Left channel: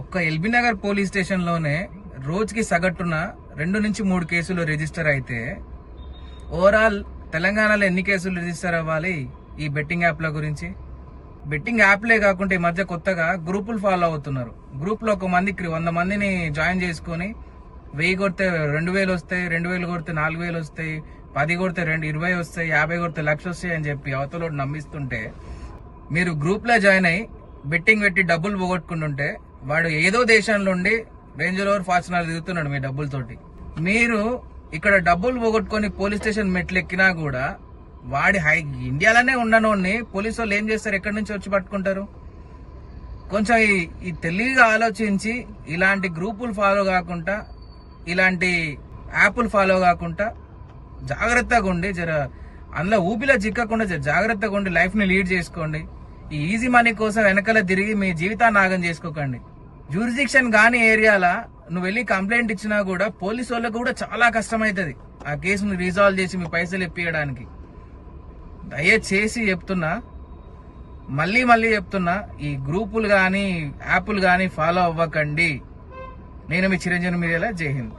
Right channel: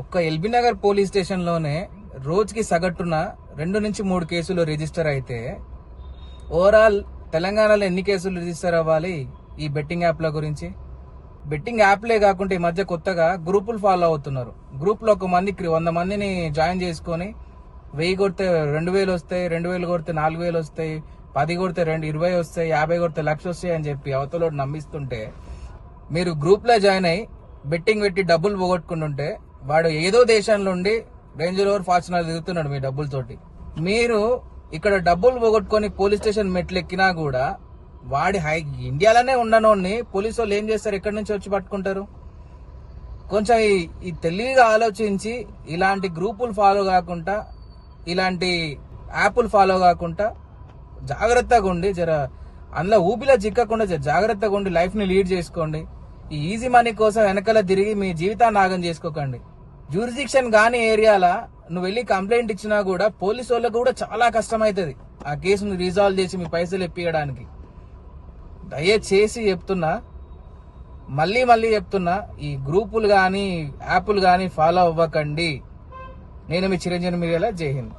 ఒక్క LB Nagar police స్టేషన్లోనే రోజుకి సగటున రెండు నుంచి మూడు కేసులు రిజిస్టర్ అయితే ఓవరాల్ తెలంగాణలో ఎన్ని కేసులు రిజిస్టర్ అవ్వాలి ఈ బెట్టింగ్ యాప్ల గురించి? బెట్టింగ్ యాప్లే కాకుండా ఈ మధ్య కొత్తగా గ్రూపులు ఫాలో అవుతున్నారు. గ్రూప్లో ఒక మందికి వంద మందిని జాయిన్ చేసుకొని వెయ్యి కొడితే రెండు వేలు వస్తాయి రెండు వేలు కొడితే నాలుగు వేలు వస్తాయి పది కొడితే రెండు ఇరవై వస్తాయి యాభై కొడితే లక్ష వస్తాయి అని చెప్పి అవతలోడు నమ్మిస్తుంటే మీరు గ్రూప్లో జాయిన్ అయ్యి బెట్టింగ్ పెట్టి డబ్బులు పోగొట్టుకుంటుంటే వాడు ఏదో దేశంలో ఉండి రేంజ్ రోవర్ ఫార్చునర్ దిగుతున్నాడు మీ డబ్బులతోటి. మీరు ఇక్కడ డబ్బులు పోగొట్టుకొని పోలీస్ స్టేషన్ మెట్లు ఎక్కినా కూడా వాడి హై ఇండియాలోనే ఉన్ననోడిని పోలీసు వాళ్ళు ఏం చేస్తారు? ఎక్కడి నుంచి వచ్చి పట్టుకుంటారు? కొంచెం ఈ- తెలివిగా ఆలోచించి ఇలాంటి గ్రూపులు ఫాలో కాకుండా ఇలాంటి యాప్లు ఫాలో కాకుండా జాగ్రత్తగా ఉండి జర అందులో ఊపిలో చిక్కకుండా జర జాగ్రత్తగా ఉండి లైఫ్ని లీడ్ చేసుకోండి. ఈ ఈజీ మనీ కోసం వెనకాల తిరిగి మీ జీవితాన్ని నాగం చేసుకోకండి. జ్యూరిడిక్షన్ గాని ఏరియాల నువ్వు వెళ్ళి కంప్లైంట్ ఇచ్చినా కూడా పోలీసు వాళ్ళకు కూడా చాలా కష్టమవుతుంది ఆ కేసుని రిజాల్వ్ చేసి మీ పైసలు ఇప్పించడానికి దయచేసి చెప్తున్నా మళ్ళీ మళ్ళీ చెప్తున్నా ఈ గ్రూపులు కానీ యాప్లు కానీ ఫాలో అవ్వకండి. నేను మీ చిరంజీవి మీడియాలో జై హింద్.